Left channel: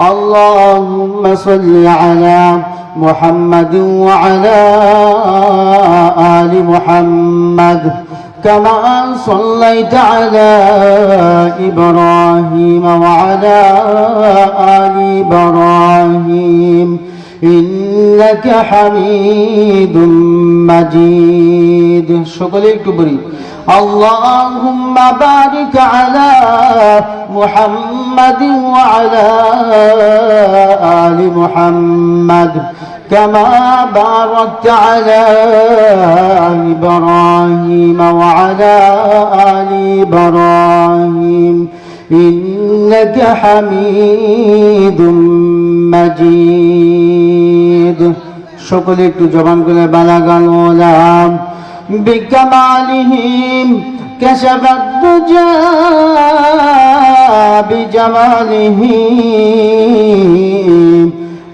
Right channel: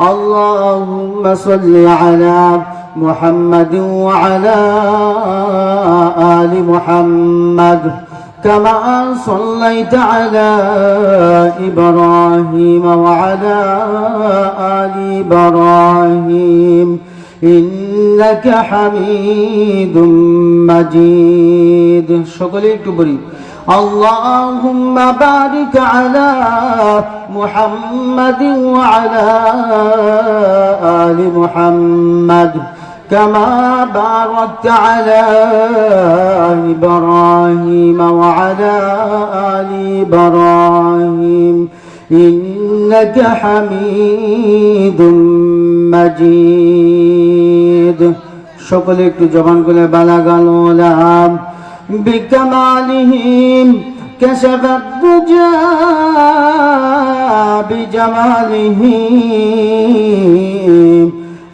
اللهم صل على محمد وعلى آل محمد كما صليت على إبراهيم وعلى آل إبراهيم إنك حميد مجيد شكرا كبري اللهم بارك على محمد وعلى آل محمد كما باركت على إبراهيم وعلى آل إبراهيم إنك حميد مجيد সকলে একটু জবান করে বালাগাল ওলাম بكمالهم كشف الدجى بجماله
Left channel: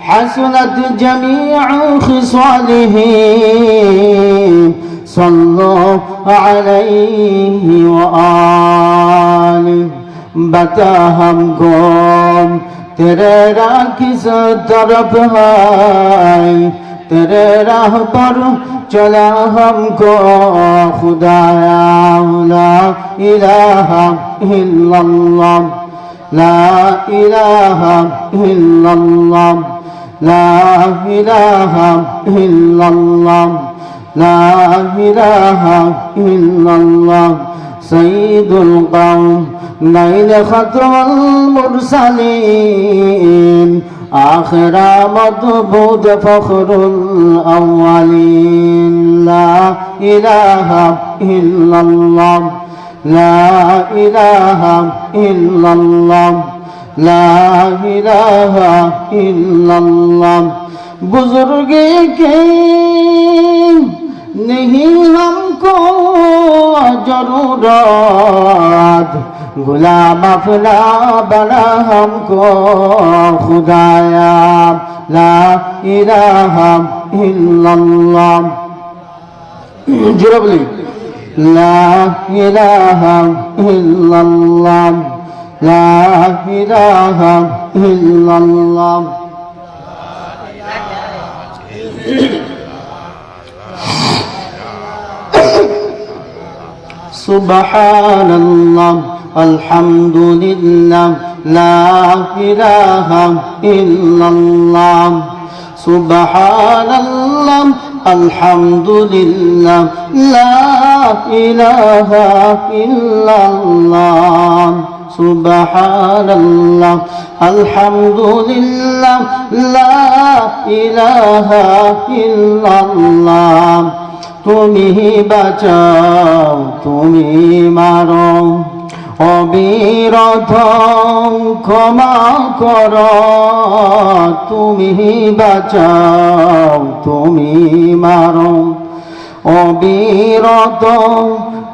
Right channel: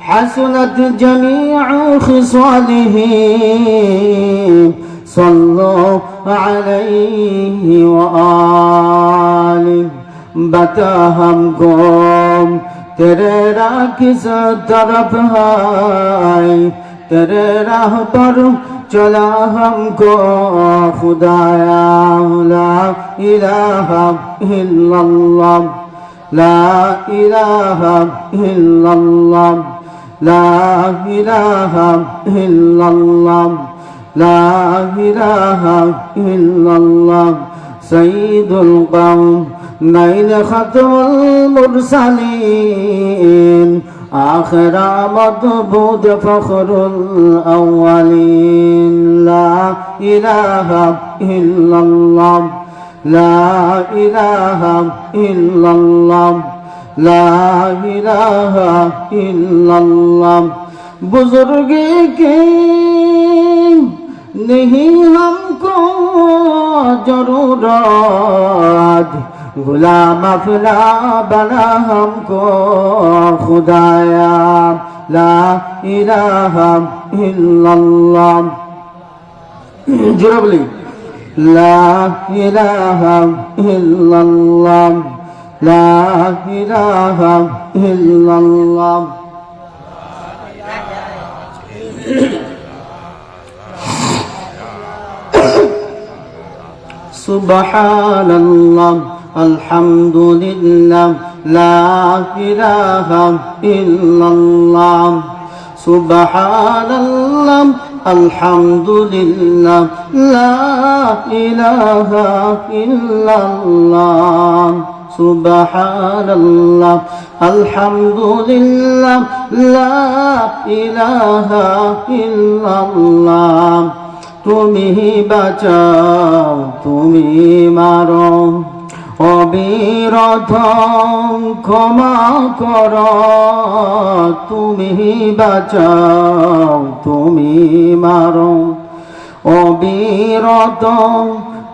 حسنت جميع خصاله صلوا عليه وآله बता हमको तेरे राह किस तरफ है तेरे राह पर चला हमको खुदाया ला इलाहा इल्लल्लाह ला इलाहा इल्लल्लाह ला इलाहा इल्लल्लाह ला इलाहा इल्लल्लाह सय्यिदुल कौम नैन खतमुल मुरसलीन आखिर मदबूद फखरुल अव्वलीन ला इलाहा इल्लल्लाह ला इलाहा इल्लल्लाह ला इलाहा इल्लल्लाह बुजुर्गे के नहीं हमको जरूरत गुलाम अपना बना हमको खुदाया ला इलाहा इल्लल्लाह जुरबली ला इलाहा इल्लल्लाह ला इलाहा इल्लल्लाह सुबहानल्लाह अल्हम्दुलिल्लाह ला इलाहा इल्लल्लाह सुबहानल्लाह अल्हम्दुलिल्लाह ला इलाहा इल्लल्लाह सुबहानल्लाह अल्हम्दुलिल्लाह ला इलाहा इल्लल्लाह তুমি বাঁচাও তুমি মারো অবিরত ক্ষমা কর তুমি বাঁচাও তুমি মারো অবিরত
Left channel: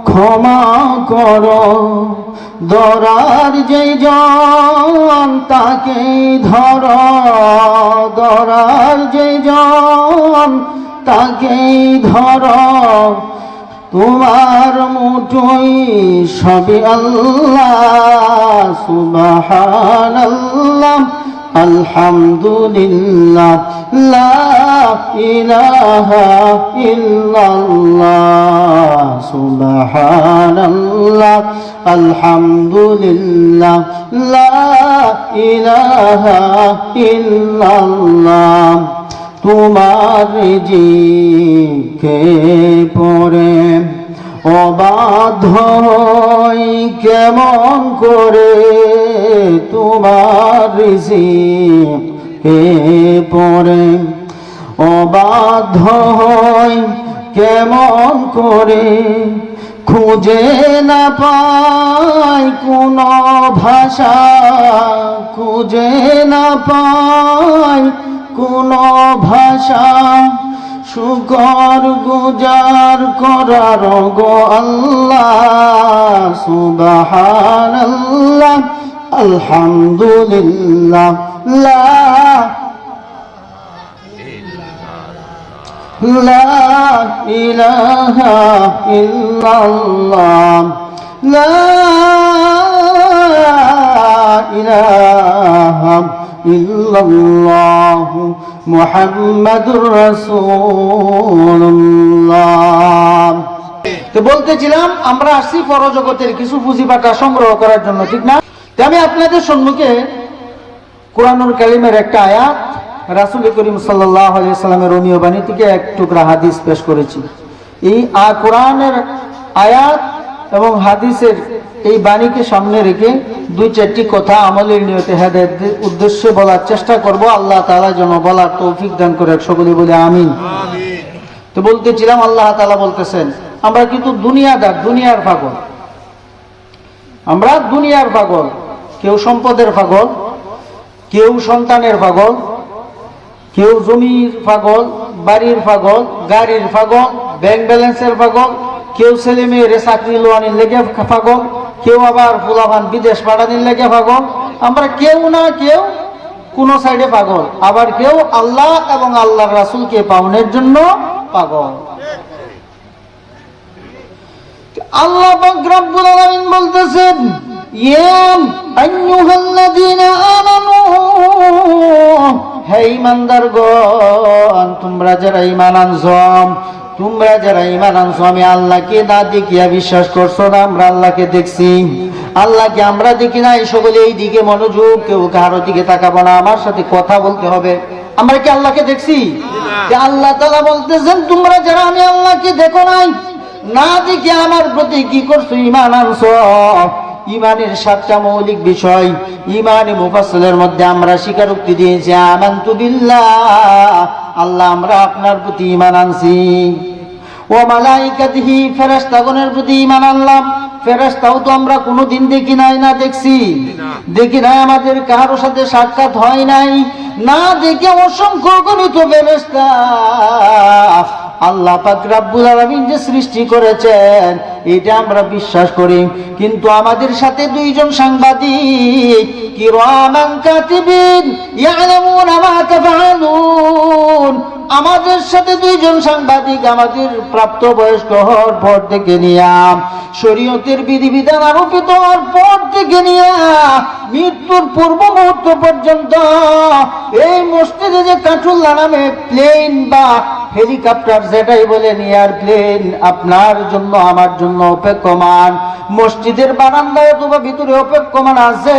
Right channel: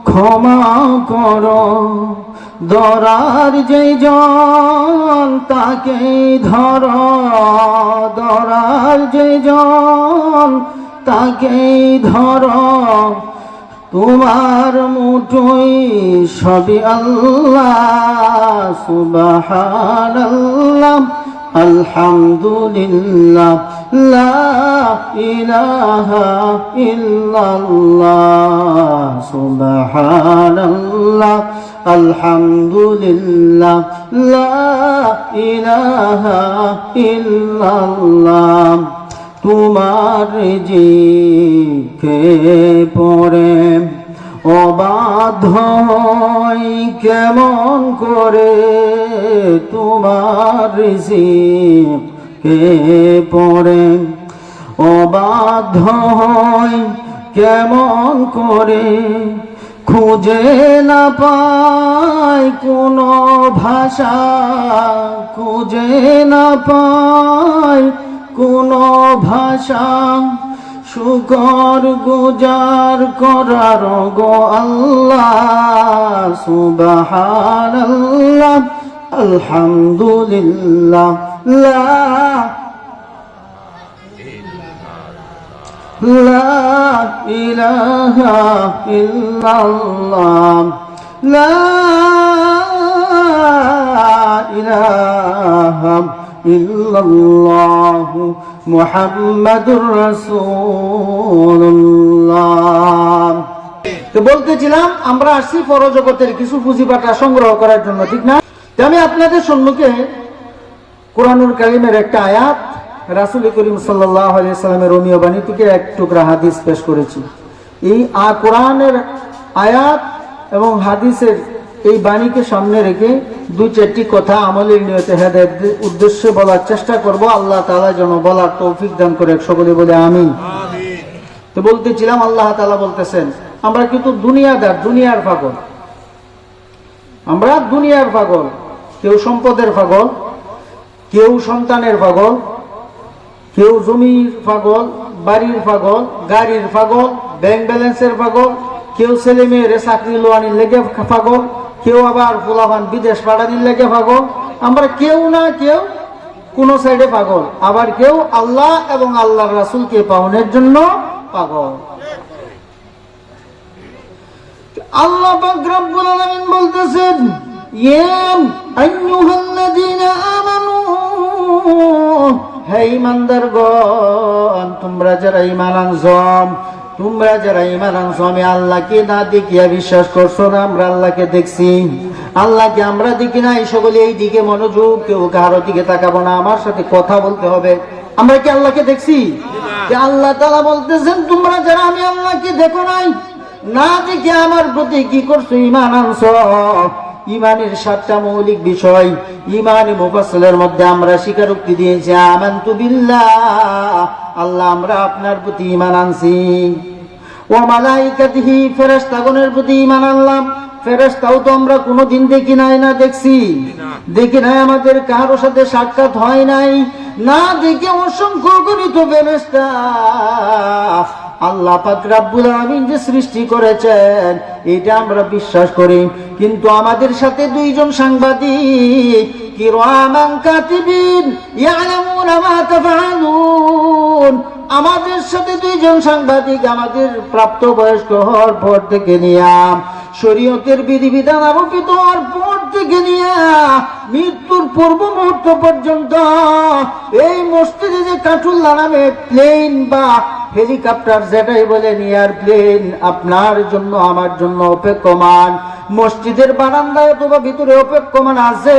ক্ষমা কর ধরার যে জন তাকে ধর ধরার যে জন তাকে ধর তোমার মুঠোয় সবই আল্লাহ সুবহানাল্লাহ আলহামদুলিল্লাহ লা ইলাহা ইল্লাল্লাহ সুবহানাল্লাহ আলহামদুলিল্লাহ লা ইলাহা ইল্লাল্লাহ তোমার জিকে পড়ে অবাধ্য কেমন করে তোমার জিকে পড়ে অবাধ্য কেমন করে খুঁজে না পাই কোন ভাষা খুঁজে না পাই কোন ভাষা শুকর গুজার করার গো আল্লাহ সুবহানাল্লাহ আলহামদুলিল্লাহ লা ইলাহা ইল্লাল্লাহ লা ইলাহা ইল্লাল্লাহু মুহাম্মাদুর রাসূলুল্লাহ। তো বলতেছিলাম আমরা আসছি পরজগতের কিছু পুঁজিপাটা সংগ্রহ করার জন্য, ঠিক না? আমি আপনাদের সম্মুখে কোরআনুল কারীমের একটা আয়াত, রাসূল করিম সাল্লাল্লাহু আলাইহি সাল্লামের রমীয় বাণী থেকে এক টুকরা হাদিস পেশ করেছি। এই কোরআনের আয়াত এবং হাদিসের এই বাণীকে সামনে রেখে দুই চারটি কথা আমলের নিয়তে হেদায়েতের উদ্দেশ্যে বলার চেষ্টা করব। আল্লাহ তাআলা যেন বলার তৌফিক দান করে, সকলে বলে আমিন। তো বলতেছিলাম আল্লাহ তাআলা বলতেছেন আমরা কিন্তু দুনিয়াদার, দুনিয়ার পাগল, আমরা দুনিয়ার পাগল। কেউ সম্পদের পাগল, কেউ সন্তানের পাগল, কেউ জমির পাগল, বাড়ির পাগল, গাড়ির পাগল, ব্যাংক ব্যালেন্সের পাগল, কেউ ছেলে মেয়ের চাকরি লোয়ানির লেগে পাগল, কেউ আবার ফুলাবান বিদেশ পাঠানির লেগে পাগল। আমরা কেউ না কেউ কোন সাইডে পাগল, আবার কেউ আল্লাহ এবং আল্লাহর রাসূলকে পাওয়ার জন্য পাগল। আল্লাহ পাক রব্বুল আলামিন বলতেছেন ইয়া আইয়ুহাল্লাযীনা আমানু, হে ঈমানদারগণ, তোমরা যারা ঈমান আনছো, তোমরা যারা ঈমান আনছো, আমি আল্লাহকে না দেখিয়া বিশ্বাস করছো না, আমরা আল্লাহকে দেখছি। আল্লাহকে আমরা দেখি না, এই সকলে এই দিকে মনোযোগ, কেউ কারো দিকে তাকাবো না, আমার সাথে কথা বলতে হবে। আমরা কি আল্লাহকে দেখছি? যে আল্লাহ তাআলা বলতেছেন তোমরা যারা আমি আল্লাহকে দেখো নাই, না দেখে আমার প্রতি কি করছো? ঈমান আনছো। ঈমানের সাতটা মৌলিক বিষয় ঈমানে মুফাসসালের মধ্যে আমরা স্বীকারোক্তি দিয়েছি, আমানতু বিল্লাহ, আল্লাহ আমরা আপনার প্রতি ঈমান আনছি। ও মালাইকাতিহি, ফেরেশতাগণের প্রতি ঈমান আনলাম। ফেরেশতাও তো আমরা কোনোদিন দেখি নাই, না দেখছি? দেখি নাই, আমাদের কারোর সাথে সাক্ষাৎ হয় নাই, না দেখে অসংখ্য গণিত ফেরেশতা আল্লাহ পাক রব্বুল আলামিন যে সৃষ্টি করেছেন এটা আমরা বিশ্বাস করি। কিন্তু আমাদের সাথে দুইজন সাংবাদিক, কিরামান কাতিবিন ইয়ালামুনা মা তাফআলুন, আমাদের সাথে দুইজন সাংবাদিক আমাদের প্রাপ্তবয়স্ক হওয়ার পর থেকে নিয়ে, শরীয়তের বিধিবিধান আরোপিত হওয়ার পর থেকে নিয়ে মৃত্যুর পূর্ব মুহূর্ত পর্যন্ত এই মসজিদে যে কাঠুল্লা নামে প্লেন বা হেলিকপ্টার, যেটাই বলেন এয়ারপ্লেন, আপনার জন্য আমার জন্য অপেক্ষমান, মসজিদের বারান্দায় অথবা ভিতরে অপেক্ষমান আছে।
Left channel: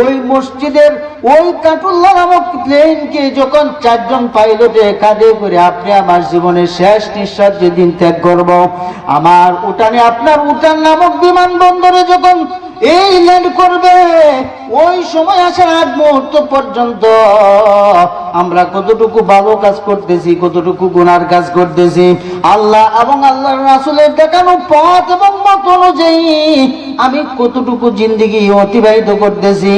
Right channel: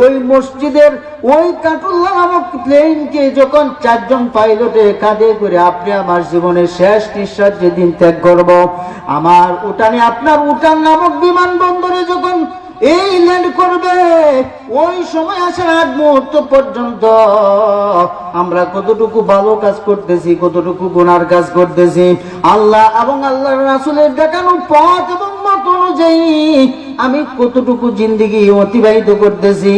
ওই মসজিদের ওই কাঠুল্লা নামক প্লেনকে যখন চারজন পাইলটে কাঁধে করে আপনি আমার জীবনের শেষ নিঃশ্বাস যেদিন ত্যাগ করব, আমার উঠানে, আপনার উঠান নামক বিমানবন্দরে যখন এই ল্যান্ড করবে, ওই সময় আসার আগ মুহূর্ত পর্যন্ত আমরা কতটুকু ভালো কাজ করতেছি, কতটুকু গুনার কাজ করতেছি, আল্লাহ এবং আল্লাহর রাসূলের দেখানো পথ এবং মত অনুযায়ী আমি কতটুকু জিন্দেগি অতিবাহিত করতেছি।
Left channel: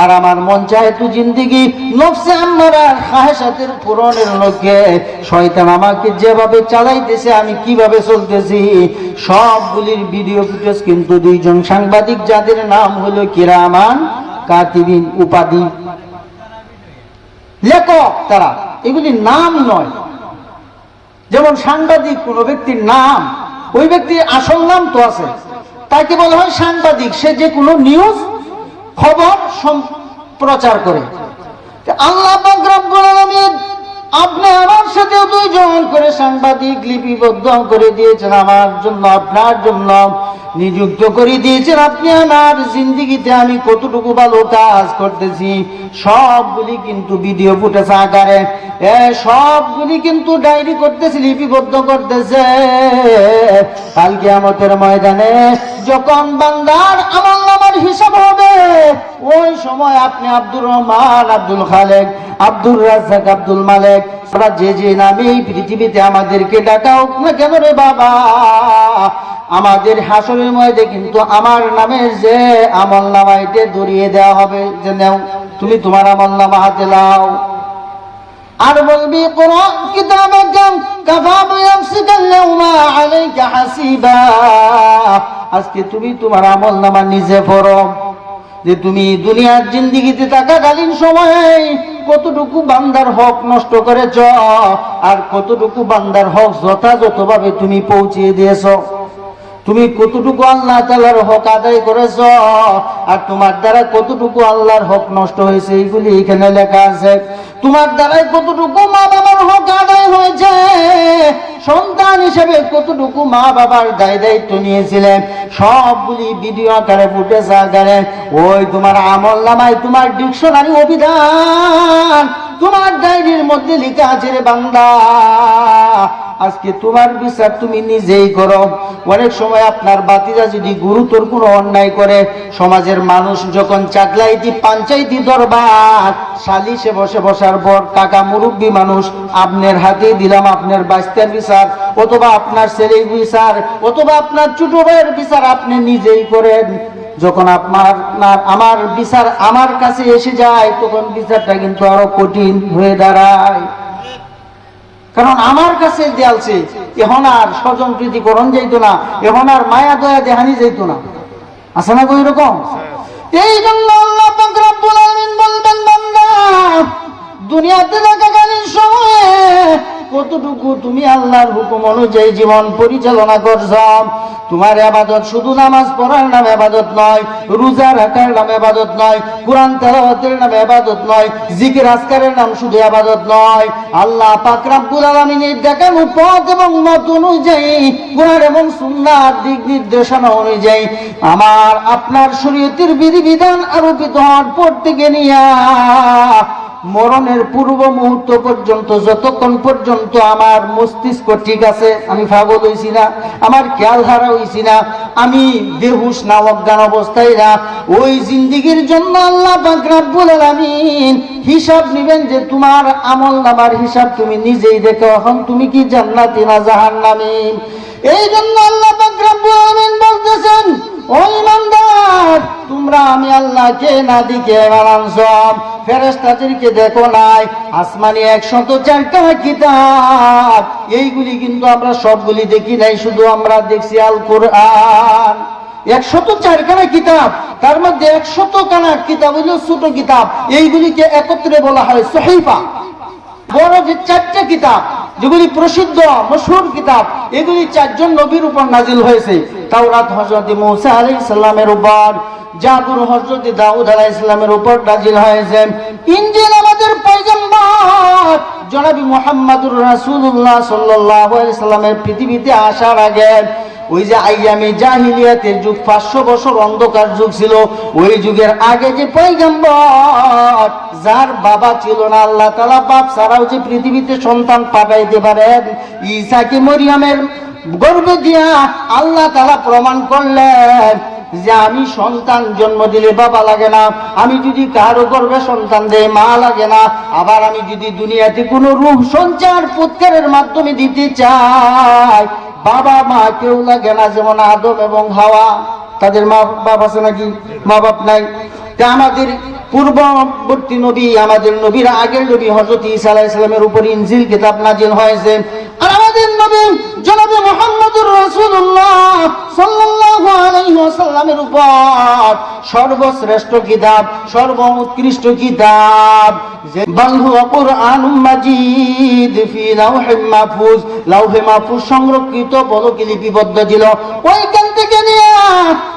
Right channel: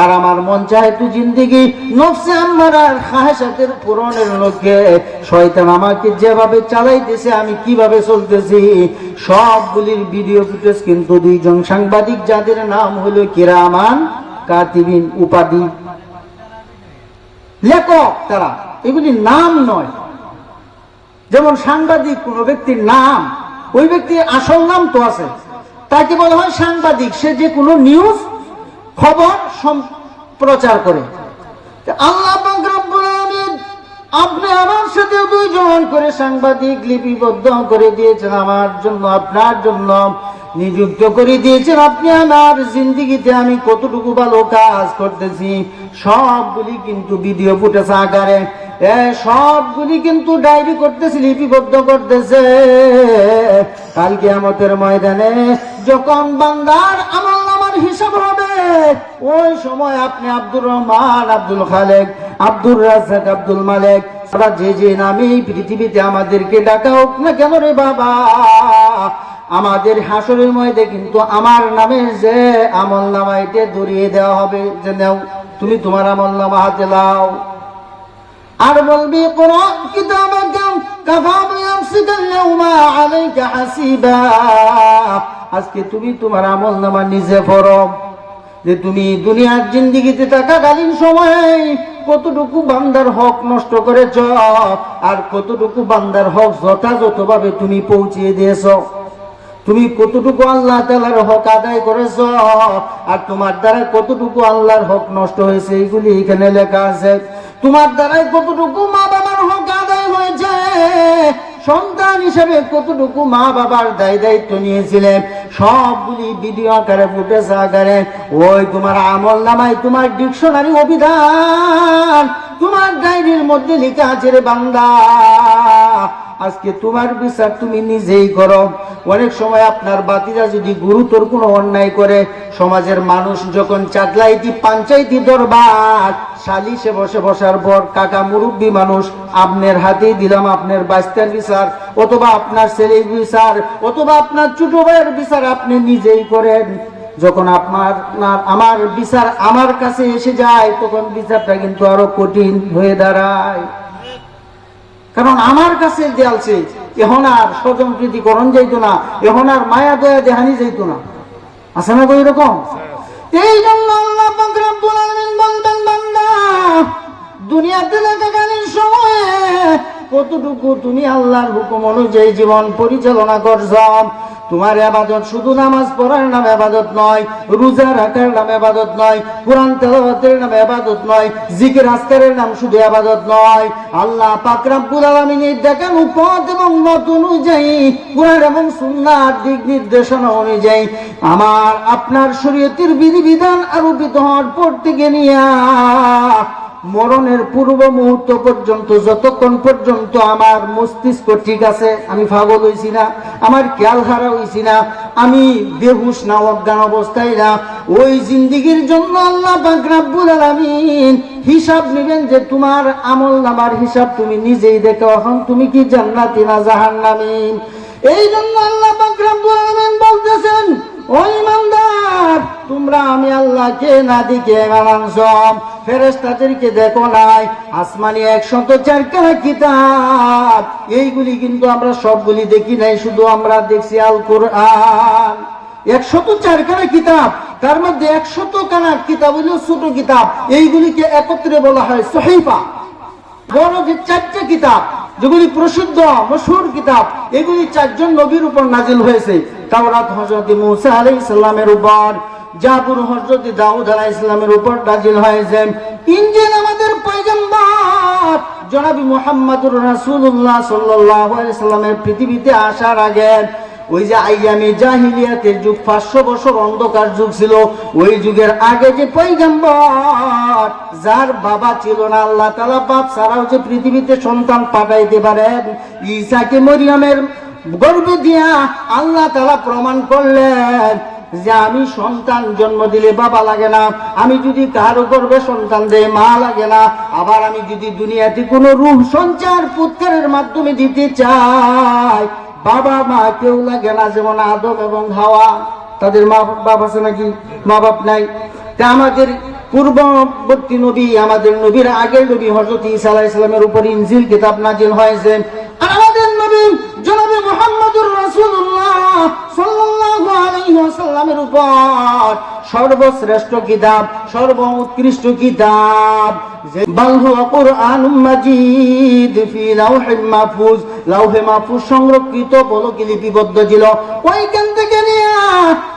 আর আমার মন চায় তো জিন্দেগি নফসে আম্মারার খাহেসাতের পূরণের লক্ষ্যে শয়তান আমাকে যেভাবে চালাইতেছে, আমি কিভাবে চলতেছি, সবগুলির ভিডিও ফুটেজ কিন্তু দুইজন সাংবাদিক, যাদের নাম হলো কিরামান কাতিবিন, উপাধি লেখক তারা, এগুলি নাম নয়। যেমন সাংবাদিক কোন ব্যক্তির নাম, ওই ব্যক্তির আসল নাম তো আছে, তাকে বলা হয় সাংবাদিক। সে যে কোনো নিউজ খবর প্রচার করে। আল্লাহ পাক রব্বুল আলামিন আপনি আমার সাথে দুইজন করে সাংবাদিক লিপিবদ্ধ করে দিয়েছেন, আমার জন্য, আপনার জন্য নিযুক্ত করে দিয়েছেন। আপনি আমার জিন্দেগিতে আমি কতটুকু ভালো কাজ করতেছি সবগুলি কিন্তু ভিডিও ফুটেজ আকারে, সবগুলি কিন্তু ডায়েরি করতেছি, লিপিবদ্ধ করতেছে। কাল কিয়ামতের ময়দানে যখন বান্দার আমলনামার হিসাব হবে, ওই সময় আপনি আব্দুর রহমান, আব্দুল খালেক, আব্দুর রাজ্জাক, আব্দুল মালেক, আমরা যে যে নামে এই পৃথিবীতে আমাদেরকে ডাকা হোক না কেন রে বাবা, আমাদের হাসরের ময়দানে কিন্তু আমার নামে যে আমল নামা এটা ধরিয়ে দেওয়া হবে, যে নাও তুমি তোমার আমল নামা হাতে লাও। আর বলবি কোরআন কিতাবাকাম কাফা বিনাফসিকা আল-ইয়াওমা আলাইকা হাসিবা, আজকে তুমি তোমার আমল নামা নিজে পড়ো, যে তুমি দুনিয়ার জিন্দেগিতে থাকাকালীন সময় কতটুকু বান্দার হক নষ্ট করেছ, আর কতটুকু বান্দার হক যথাযথভাবে তুমি পৌঁছিয়ে দিয়েছ। তুমি কতটুকু আল্লাহ তাআলার হক আদায় করেছ আর তোমার দ্বারা কতটুকু আল্লাহর হক নষ্ট হয়েছে, এইগুলি এখানে লেখা আছে। তোমার দ্বারাই কতটুকু মা বাবার হক আদায় হয়েছে, সন্তান হিসেবে কতটুকু মা বাবার দায়িত্ব নিয়েছিলেন, সবগুলি ভিডিও আকারে ফুটেজ আকারে ওই তোমার আমলনামায়, তোমার ডিকশনারি অভিধান, তোমার ডায়েরির মধ্যে লেখা আছে রে বান্দা। আজকে তোমার বিচার তুমি নিজেই করো। অনেক সময় আপনার বাতিজা যদি গুরুতর কোনো অন্যায় করে, সমাজের মানুষ যখন চাকলাইতি পঞ্চায়েতি দরবার সালিশে বসার পর কাকা মুরব্বী মানুষ আপনার হাতেই দিলাম আপনার বাস্তার বিচার, অথবা আপনার ছেলের বিচার, অথবা আপনার ছোট ভাইয়ের বিচার আপনি নিজেই করেন। যখন আমার বিচার আমার কাছে এসে যায়, তখন বিচারটা কিন্তু আরো কঠিন হয়ে দাঁড়ায়। কারণ আমার কাছে দেয়ালছে, এখন আর স্বজন প্রীতি করণ যাইতো না, এখন আর মায়া দয়া দেহানি যাইতো না। আছে না তো এরকম? এই জন্য আল্লাহ পাক রব্বুল আলামিন বলবেন, বান্দা দুনিয়াতে থাকাকালীন সময়ে কতটুকু তুমি আল্লাহর হুকুম অনুযায়ী জীবন পরিচালনা করছ। তোমার ইবাদত শুধু নামাজ পড়ার নাম ইবাদত নয়, রোজা রাখার নাম ইবাদত নয়, কোরআন তেলাওয়াতের নাম ইবাদত নয়, জিকির আজকারের নাম শুধু ইবাদত নয়। আল্লাহ পাক রব্বুল আলামিনের দেখানো পথ এবং মত অনুযায়ী, কোরআন এবং সুন্নাহর দিক নির্দেশনা অনুযায়ী আমার আপনার শরীয়তের বিধিবিধান আরোপিত হওয়ার পর থেকে নিয়ে মরণের পূর্ব মুহূর্ত পর্যন্ত, যতক্ষণ পর্যন্ত আমার মস্তিষ্ক ঠিক আছে, আমি পাগল হইছি না, আমার খেয়াল হারা হইছি না, আমি বেহুশ না অজ্ঞান অবস্থায় না, ওই জিন্দেগির জন্য আল্লাহ পাক রব্বুল আলামিন হিসাব নেবেন যে তোমার আমলনামার হিসাব তুমি নিজেই দেখো, এখন তুমি কি জান্নাতি না জাহান্নামী। এই জন্য আল্লাহ পাক রব্বুল আলামিন বলতেছেন, ও ইমানদার, তোমরা আমি আল্লাহকে না দেখে মানছ, ফেরেশতাদেরকে দেখো নাই, আসমানি 104 কিতাব, এইগুলি কিন্তু আমরা সবগুলি দেখি নাই, শুধু আমরা দেখছি আল কোরআন। 104 কিতাব, তার মধ্যে 100 কিতাব হলো ছোট কিতাব, এইগুলিকে একত্রে বলা হয় সহিফা। বড় যে 4টা কিতাব যেগুলি প্রসিদ্ধ মশহুর কিতাব, এগুলি 4জন নবীর উপর নাজিল হয়েছে। তাওরাত হযরত মূসা আলাইহিস সালামের উপর, জাবুর হযরত দাউদ আলাইহিস সালামের উপর নাজিল হয়েছে। ইনজিল আমাদের পয়গম্বর জনাবি মুহাম্মদুর রাসূলুল্লাহ সাল্লাল্লাহু আলাইহি সাল্লামের পৃথিবীতে আসার আগে ওই যে আইয়ামে জাহিলিয়াতের যুগ, 500 বছর অন্ধকার যুগ ছিল, ওই যুগের আগে যে পয়গম্বর যার বাবা ছিল না, আল্লাহ তাআলা বাপ ছাড়াও যে পৃথিবীতে সন্তান পাঠাইতে পারেন, ঈসাকে মরিয়মের গর্ভে দিয়া আল্লাহ তাআলা প্রমাণ করলেন যে আমি সন্তান জন্ম দিলে বাবা লাগে না, আমি যদি কারো গর্ভে সন্তান দেই মা লাগে না, আবার আমি যদি দুনিয়াতে কোনো রূহ সঞ্চার পুত্রের মাধ্যমে দিতে চাই বাবা মা কেউ লাগে না। যেমন আদম এবং হাওয়া, তাদের মা বাপ আছে নাকি? মা বাপ নাই। তা আমাদের পূর্ববর্তী নবী, আমাদের নবীর আগের নবী হযরত ঈসা আলাইহিস সালামের উপর ইনজিল কিতাব নাজিল হয়েছে, আর আমাদের নবী জনাবে মুহাম্মদুর রাসূলুল্লাহ সাল্লাল্লাহু আলাইহি ওয়াসাল্লামের উপর সর্বশ্রেষ্ঠ কিতাব, সর্বোৎকৃষ্ট কিতাব যে বাল হুয়া কুরআনুম মাজিদ ফি লাওহিম মাহফুজ, লাওহে মাহফুজ সংরক্ষিত বলকে লিপিবদ্ধ ছিল। ওইখান থেকে নিয়ে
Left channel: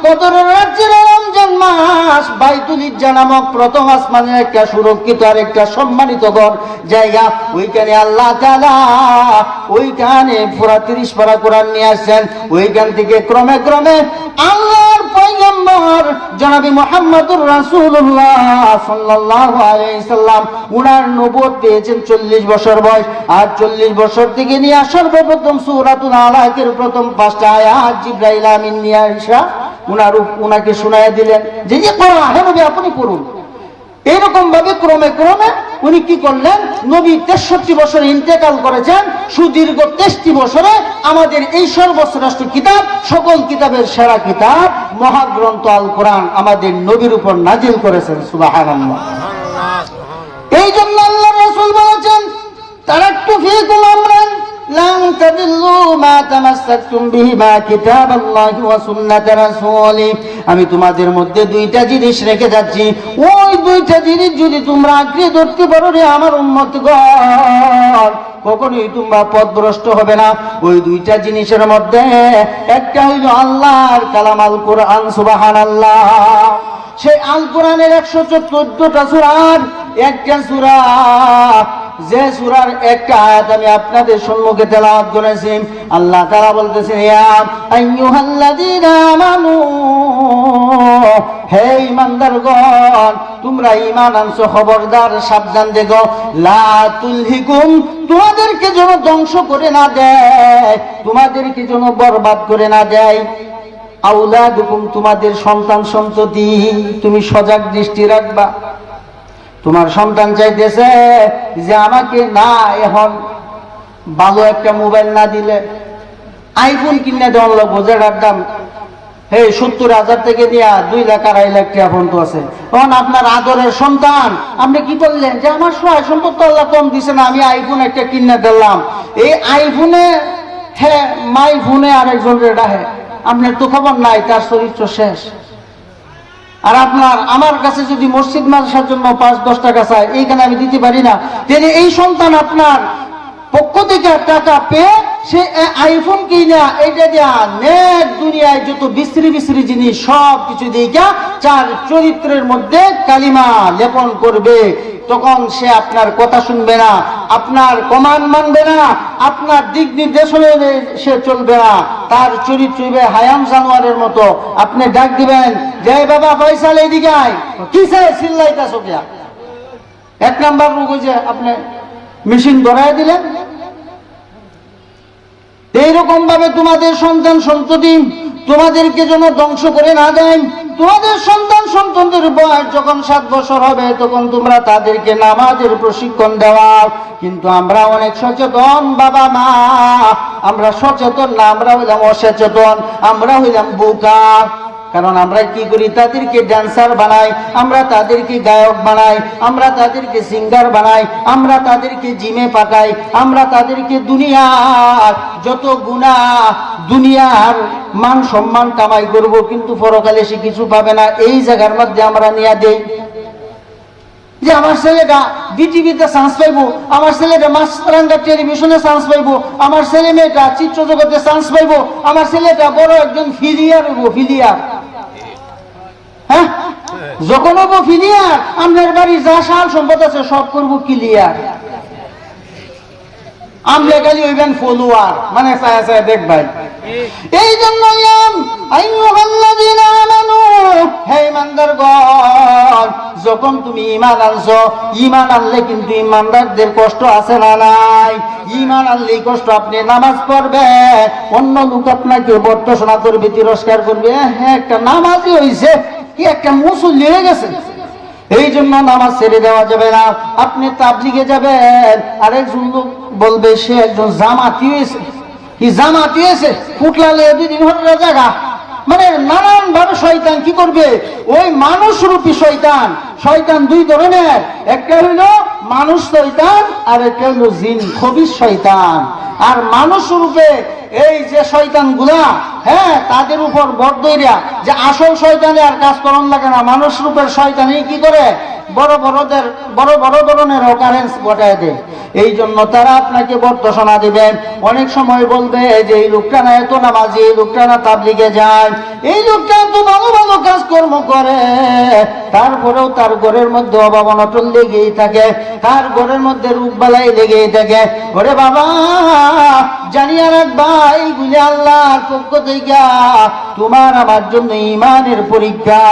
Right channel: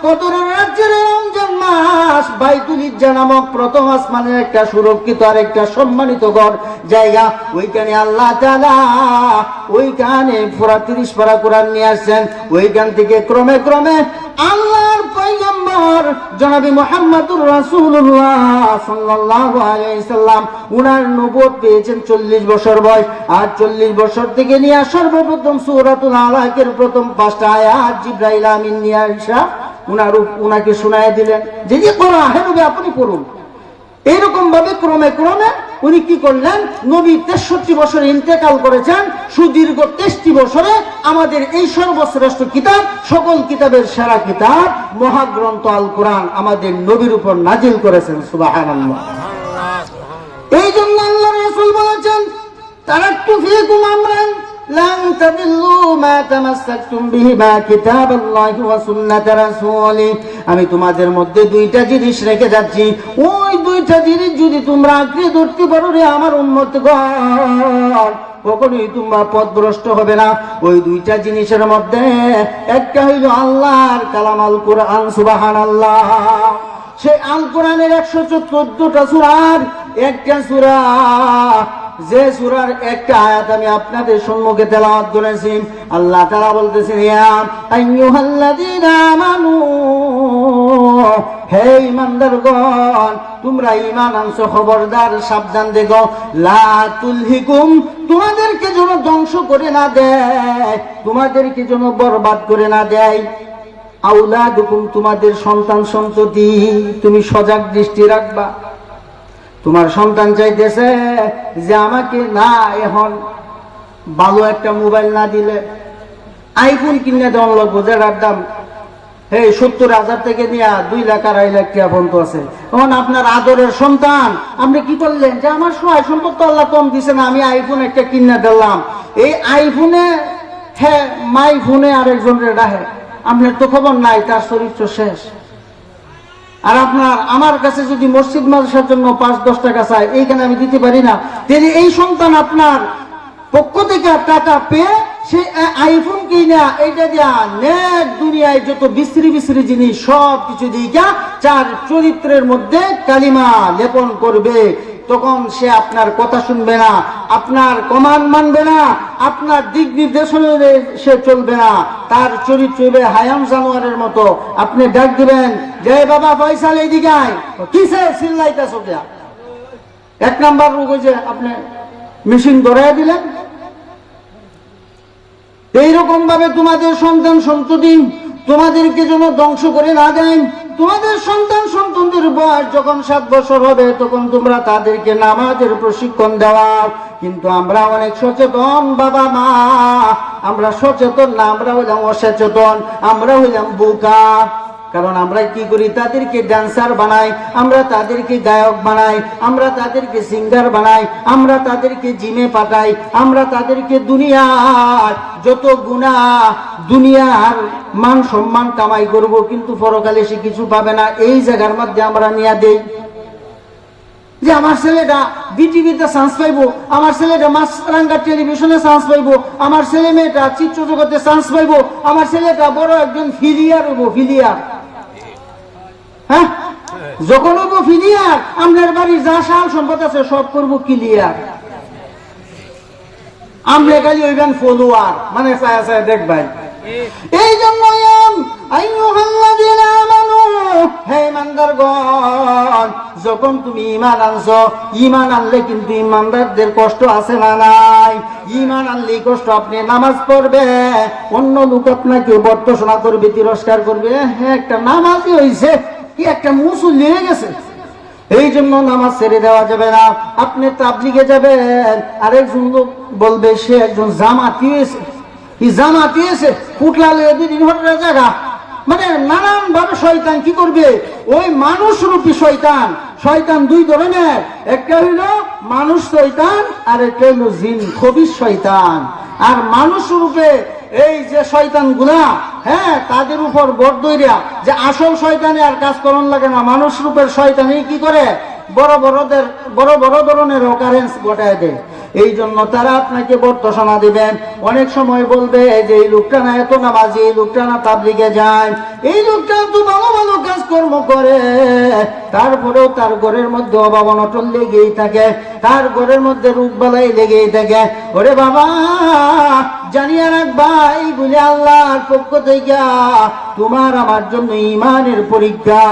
কদরের রাজ্যের রমজান মাস বাইতুল ইজ্জা নামক প্রথম আসমানের একটা সুরক্ষিত আর একটা সম্মানিত ঘর জায়গা, ওইখানে আল্লাহ তাআলা ওইখানে পুরা 30 পারা কোরআন নিয়ে আসছেন। ওইখান থেকে ক্রমে ক্রমে আল্লাহর পয়গম্বর জনাবে মুহাম্মদুর রাসূলুল্লাহ সাল্লাল্লাহু আলাইহি সাল্লাম উনার নবুয়ত পেয়েছেন 40 বছর বয়স, আর 40 বছর থেকে নিয়ে সর্বপ্রথম সূরাতুল আলাকের প্রথম 5টা আয়াত জিবরাইল আমিন নিয়ে আসা উনাকে শোনায় দিলেন যে ইকরা, হে নবী আপনি পড়ুন। এইরকম ভাবে ক্রমে ক্রমে উনি কি করলেন, নবী 63 বছরে ইন্তেকাল করেছেন, সুদীর্ঘ 63 বছরে আমাদের এই সর্বশ্রেষ্ঠ কিতাব, সকল কিতাবের সেরা কিতাব মহাগ্রন্থ আল কোরআন আমাদের নবীর উপর নাজিল করেছেন। সুবহানাল্লাহ। এই জন্য আল্লাহর রাসূল বলেছেন, তারাক্তু ফীকুম আমরান লান তাদিল্লু মা তামাসসাকতুম বিহিমা কিতাবাল্লাহি ওয়া সুন্নাত রাসূলি। আমি তোমাদের মধ্যে দুইটা জিনিস রেখে যাচ্ছি, ওই দুইটা জিনিস যদি তোমরা আঁকড়ে ধরতে পারো রে আমার উম্মতগণ, কখনোই তোমরা পথভ্রষ্ট হবে না। ওই দুইটা জিনিসের মধ্যে একটা হইল আল্লাহর কালাম আল কোরআন, সুবহানাল্লাহ। সেই আল কোরআনের 114টা সূরার একটা সূরা, যে সূরার একটা আয়াত আমি আপনাদের সম্মুখে তেলাওয়াত করেছি। আল্লাহ তাআলা বলতেছেন, ইয়া আইয়ুহাল্লাযীনা আমানু, হে ঈমানদারগণ, তোমরা ঈমান আনছো, খবরদার সাবধান দেখো, লা তুলহিকুম, তোমাদেরকে যেন ধ্বংস করে না দেয়, তোমাদেরকে যেন বরবাদ করে না দেয়, আওলাদুকুম, তোমাদের সন্তান সন্ততি। তুমি সজাগ দৃষ্টি রাখবা। তোমার সন্তান চাইতেছে যে আমাকে না এখন ভালো একটা মোবাইল না দিলে আইফোন কিনে দেওয়ার লোক, বোঝার দাম 70,000 থেকে নিয়ে 2 লাখ 2.5 লাখ টাকা পর্যন্ত আছে। তখন আপনার আদরের সন্তান, আপনি কি করলেন যে আমার সহায় সম্পদ তো আল্লাহ কম দিছে না, আমি আইফোন একটা কিনে দিলাম। এই আইফোনে মাই ফোনে আরেকজন রেডা আপনার তো খবর নাই, তার চরিত্র শেষ। আর আপনার আমার কাছে যদি মসজিদ মাদ্রাসার জন্য 5-10 টাকা চায়, এইখানে আমি দিতে পারি না, তাহলে এই সন্তান আপনার পক্ষ থেকে টাকা পেয়ে সে আইফোন কিনা এইটা দিয়া নেট দুনিয়ায় যত বিশ্রী বিশ্রী জিনিস সব কিছু দিয়া চার চরিত্রের মধ্যে কালিমা লেপন করবে। তখন সে আপনার কথা শুনবে না, আপনার কমান্ড মানবে না, আপনার দিক নির্দেশনে সে চলবে না, তার চরিত্র হবে হায়াম জানোয়ারের মতো। আপনি ডাক দিবেন, যে বাবা ফয়সাল এদিকে আয়, কিসে চিল্লাইতাছো কে? 1 নাম্বার রোগ যে আপনি মেশিন ধরাই দিলেন। এইরকম ভাবে তোমাদের সন্তান সন্ততি তোমাদেরকে যেন ধ্বংস করে না দেয়। তোমাদের সন্তান সন্ততির বয়স যখন 7 বছর হবে তখন তোমরা তাদেরকে নামাজের প্রশিক্ষণ দেওয়া। কিন্তু আমরা অনেক সচেতন বাবা মা, আমরা সচেতন না, আমরা হইলাম অসচেতন, আমরা হইলাম বোকা। কারণ আমরা কি করি, তাদেরকে ড্যান্সার বানাই, আমরা তাদেরকে গায়ক বানাই, আমরা তাদেরকে সিঙ্গার বানাই, আমরা তাদেরকে জিমে পাঠাই, আমরা তাদেরকে দুনিয়ার যত গুনাহ, দুনিয়ার মান সম্মান কামাই করব, কিন্তু পরকালে সে কিছু পাবে না। এই জায়গার মধ্যে আমরা নিয়ে দেই যে আমার ছেলেটা বিটিভিতে চান্স পাইবো, আমার ছেলেটা মাছরাঙ্গা টেলিভিশনে চান্স পাইবো, আমার ছেলে মেয়েটা চিত্র জগতে চান্স পাইবো, আমার ছেলেটা বড় একজন ফিলিয়ার হবো। ফিলিয়ার হ্যাঁ, যখন হবো ফিলিয়ার, আপনার বাড়ি যা সাল সম্পদ আছে সব করবো ক্লিয়ার। আমরা খালি হইবেন ফলোয়ার, মানে দেখবেন। এই জন্য হে ইমানদারগণ, যখন তুমি ঈমান আনছো, ঈমান আনলে কিন্তু ঈমানদারদের কষ্ট আছে না নাই? ঈমান আনলে কষ্ট, আপনি নামাজ পড়বে, অন্য লোক আপনাকে বর্তসনা করবে, তিরস্কার করবে, হ্যাঁ একটা নামাজই হইছে, কি একটা মুসল্লি হয়ে গেছে। এই জন্য নামাজ ছেড়ে দেওয়া যাবে না। আপনি তাবলিগে যাবেন, আরেকজন লোক বলবে সে একজন জামাতি হয়েছে, কি জামাতি হয়েছে, ফুটলালে 2 দিন ঘন্টার জায়গা, মানে নানান ভাবে শয়তান কি করবে, ওই মানুষ রূপী শয়তান। শয়তান 2 ধরনের, একটা হইল মানুষ শয়তান আর একটা হইল জিন খবিশ শয়তান। আর মানুষ রূপে এই যে শয়তান গুলা, হ্যাঁ, তাদের উপর বর দইরা যে আসল শয়তানে আর কাজ করন লাগে না, মানুষ রূপের শয়তানি কি করে, বড় বড় ধরনের অকারেন্স ঘটায় দেয়। এই জন্য তারা আপনাকে বর্তসনা দিবেন। অনেক সময় বলবে যে এই লোকটা না এত নামাজি, এই লোকটা না তাবলিগে যায়, এই লোকটা তো ভালো ভালো কাজকর্ম করে, তারপরেও তার ঘরের মধ্যে অভাব অনটন লেগেই থাকে, তার ঘরের মধ্যে রূপবালাই লেগেই থাকে। ওরে বাবা, জানিয়া রাখবা, এইগুলি আল্লাহর পক্ষ থেকে তোমার আমার জন্য ঈমানের পরীক্ষা।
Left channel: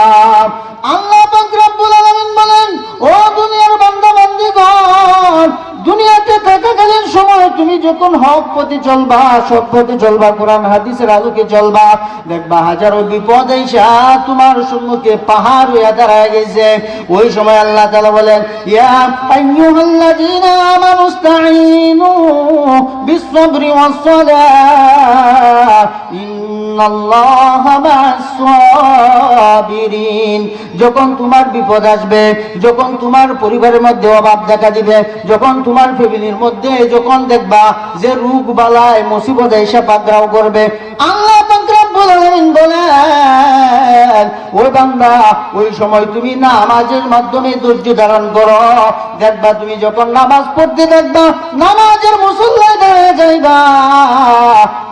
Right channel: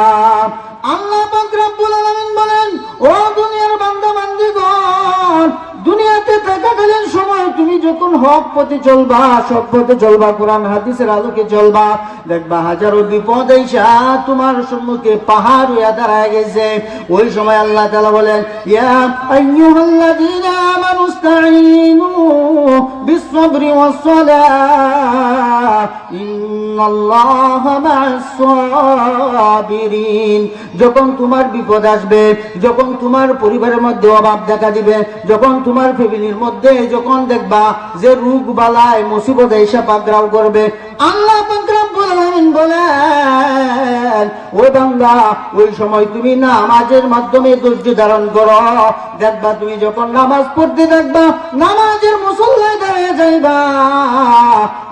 আল্লাহ পাক রব্বুল আলামিন বলেন, ও দুনিয়ার বান্দা বান্দীগণ, দুনিয়াতে থাকাকালীন সময় তুমি যখন হক পথে চলবা, সৎ পথে চলবা, কোরআন হাদিসের আলোকে চলবা, দেখবা হাজারো বিপদ আইসা তোমার সম্মুখে পাহাড় হইয়া দাঁড়ায় গেছে। ওই সময় আল্লাহ তাআলা বলেন, ইয়া আইয়ুহাল্লাযীনা আমানুস্তাঈনু বিস-সাবরি ওয়াস-সালাহ ইন্নাল্লাহা মা'আস-সাবিরিন। যখন তোমার বিপদ আসবে, যখন তোমার পরিবারের মধ্যে অভাব দেখা দিবে, যখন তোমার ফ্যামিলির মধ্যে যখন দেখবা যে রোগ বালায় মুসিবত এসে পাকড়াও করবে, আল্লাহ পাক রব্বুল আলামিন বলেন ও বান্দা ওই সময় তুমি নামাজের মাধ্যমে ধৈর্য ধারণ করো। দেখবা তুমি যখন নামাজ পড়তে দেখবা নামাজের মুসল্লায় দাঁড়িয়ে যাইবা,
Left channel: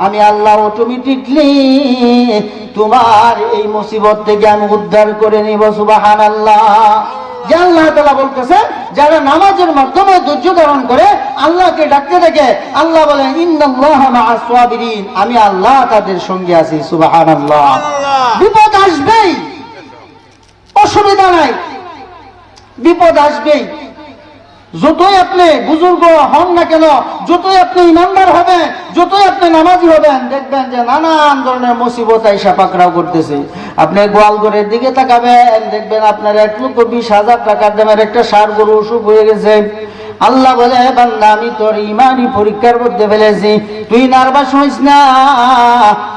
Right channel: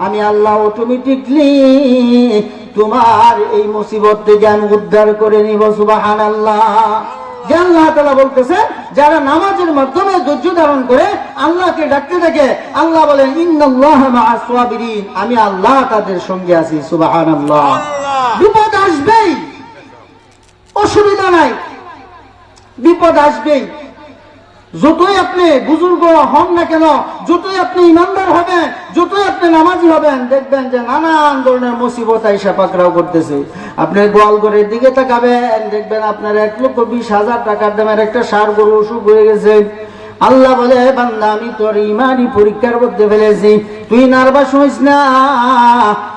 আমি আল্লাহ অটোমেটিকলি তোমার এই মুসিবত থেকে আমি উদ্ধার করে নিব। সুবহানাল্লাহ। যে আল্লাহ তাআলা বলতেছে যারা নামাজের মাধ্যমে ধৈর্য ধারণ করে আল্লাহকে ডাকতে থাকে, আল্লাহ বলেন ইন্নাল্লাহা মাআস সাবিরিন, আমি আল্লাহ তাদের সঙ্গে আছি। সুবহানাল্লাহ। বিপদ আসবেই, অসুবিধা নাই, বিপদ আসবেই। যতই আপনি বুজুর্গ হন না কেন, যতই আপনি ইমানদার হবেন, যতই আপনি নামাজি হবেন, দেখবেন যে নানান ধরনের মুসিবত আইসা পাকড়াও করতেছে। আপনি গোয়ালঘরের দিকে তাকাবেন, দেখবেন আপনার 1,20,000 টাকার দামের একটা ষাঁড় গরু অসুখ হয়ে গেছে। আল্লাহ বলে বান্দা আমি তোর ইমানি পরীক্ষার মধ্যে ফেলেছি, তুই নার্ভাস হইস না,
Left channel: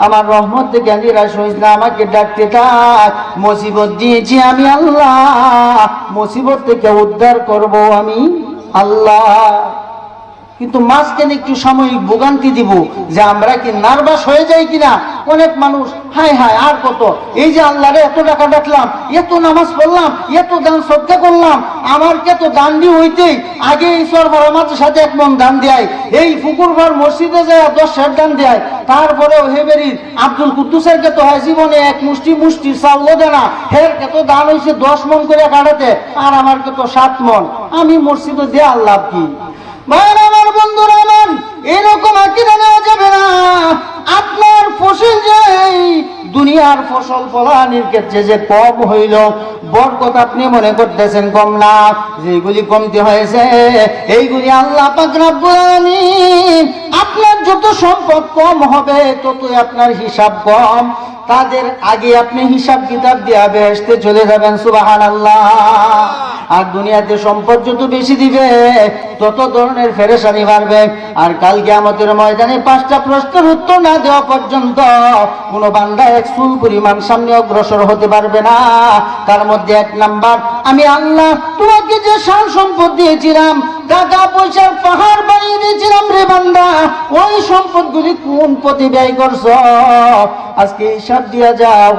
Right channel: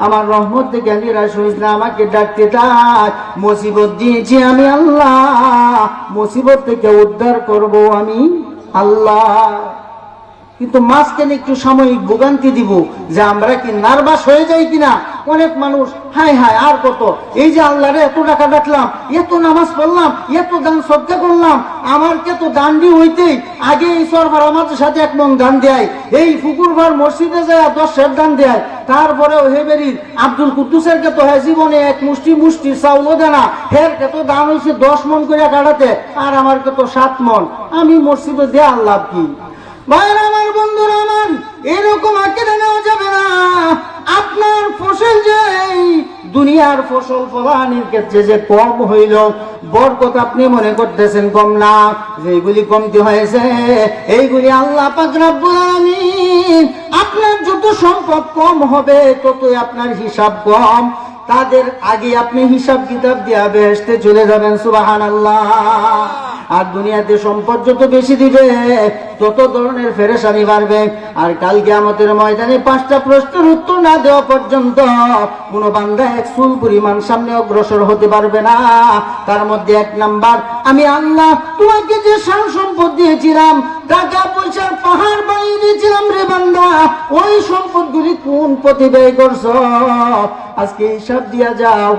আমার রহমত থেকে নিরাশ হইস না, আমাকে ডাকতে থাক। মুসিবত দিয়েছি আমি আল্লাহ, মুসিবত থেকে উদ্ধার করব আমি আল্লাহ। কিন্তু মাঝখানে একটু সাময়িক ভোগান্তি দিব যে আমরা কি নার্ভাস হয়ে যাই কিনা। অনেক মানুষ হায় হায় আর কত, এই যে আল্লাহরে এত টাকা ডাকলাম, এত নামাজ পড়লাম, এত দান সদকা করলাম, আমার কে তো দান দিয়ে হইতেই আগে এই সরবার আমাদের সাথে 1 মণ দান দেয়, এই ফুকুরবার মসজিদে যায় 10 সের দান দেয়, তারপরেও হেবেরির আব্দুল কুদ্দুসের কে তো হয় জীবনে 1 মুষ্টির চাউলও দেয় না, হের কে তো দান হয়েছে 10 মণ করে কাটাতে, আর আমার কে তো 7 মণ, আমি মসজিদে দেয়া আল্লাহ কি। ভাইরা আমার, বন্ধুরা আমার, এরকম আকীদা নেওয়া যাবে না। আপনার ফসল যে দুনিয়ার ফসল ফলানির ক্ষেত্রে যে কম হইল, বরকত আপনি মনে করতেছেন কম না, যেগুলি কমতি হয়েছে এইগুলি আল্লাহ পাক রব্বুল আলামিন, আপনার যত সম্পদ কম হবে ততই আপনার হিসাব কম, তাদের আগে আপনি হিসাব কিতাব দিয়া বেহেশতে চলে যাবেন। সুবহানাল্লাহ। আর দুনিয়াতে সম্পদ যত বেশি দিবে তত ধরনের ফেরেশানি বাড়বে। আর কাল কিয়ামতের ময়দানে 5টা প্রশ্নের উত্তর না দেওয়া পর্যন্ত কোন বান্দা 1 চুল পরিমাণ সামনে অগ্রসর হতে পারবে না। তার মধ্যে 1 নাম্বার, আমি আল্লাহ তোমাকে যে শান সম্পদ দিয়েছিলাম, টাকা পয়সার পাহাড় বানিয়ে দিয়েছিলাম রে বান্দা, ওই সম্পদগুলি কোন পথে ব্যয় করছো আজকে হিসাব দিয়া যাও।